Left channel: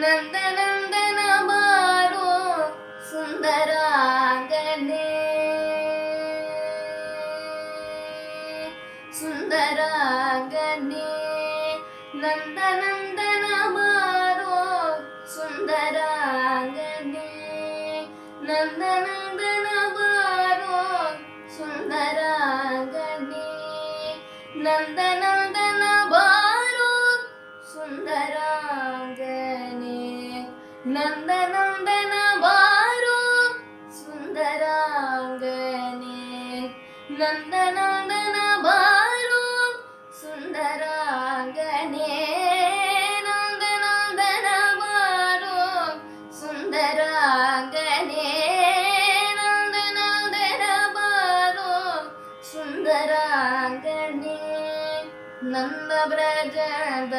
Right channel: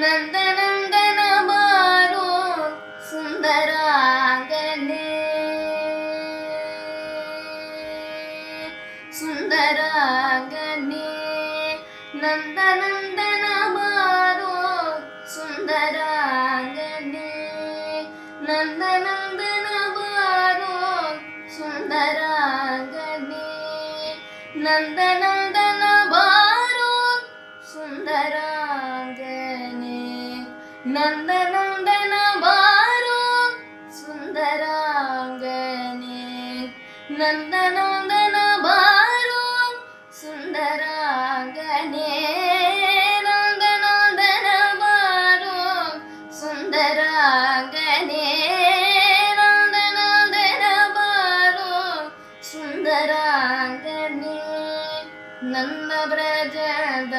ನಂದನಂದನ ಬಾರೋ ಸುಂದರಾಂಗನೆ ಸುಂದರಾಂಗನೆ ನಂದನಂದನ ಬಾರೋ ಸುಂದರಾಂಗನೆ ನಂದನಂದನ ಬಾರೋ ಸುಂದರಾಂಗನೆ ನಂದನಂದನ ಬಾರೋ ಸುಂದರಾಂಗನೆ ನಂದನಂದನ ಬಾರೋ ಸುಂದರಾಂಗನೆ ನಂದನಂದನ ಬಾರೋ ಸುಂದರಾಂಗನೆ ನಂದನಂದನ ಬಾರೋ ಸುಂದರಾಂಗನೆ ನಂದನಂದನ ಬಾರೋ ಸುಂದರಾಂಗನೆ ನನ್ನ ಬ್ರಜದಂಗಳದಲ್ಲಿ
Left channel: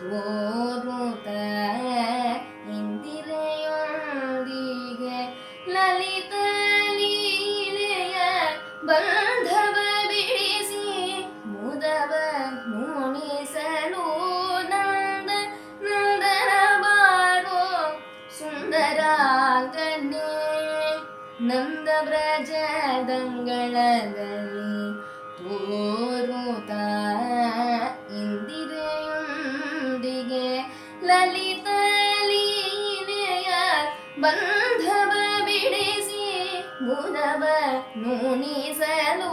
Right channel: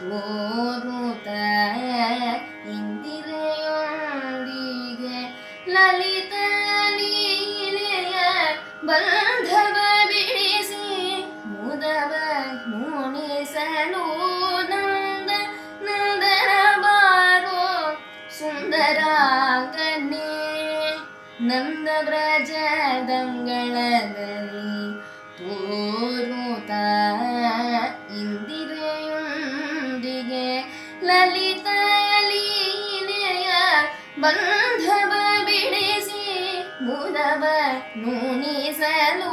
ತೋರುತ್ತ ಇಂದಿರೆಯೊಂದಿಗೆ ಲಲಿತ ಲೀಲೆಯ ಬಂಧವ ಬಿಡಿಸಿ ಮುದವ ಮುಣಿಸಲು ನಂದನ ಬಾರೋ ಸುಂದರಾಂಗನೆ ನಂದ ಬ್ರಜದಂಗಳದಲ್ಲಿ ತೋರುತ್ತ ಇಂದಿರೆಯೊಂದಿಗೆ ಲಲಿತ ಲೀಲೆಯ ಬಂಧವ ಬಿಡಿಸಿ ಮುದವ ನುಣಿಸಲು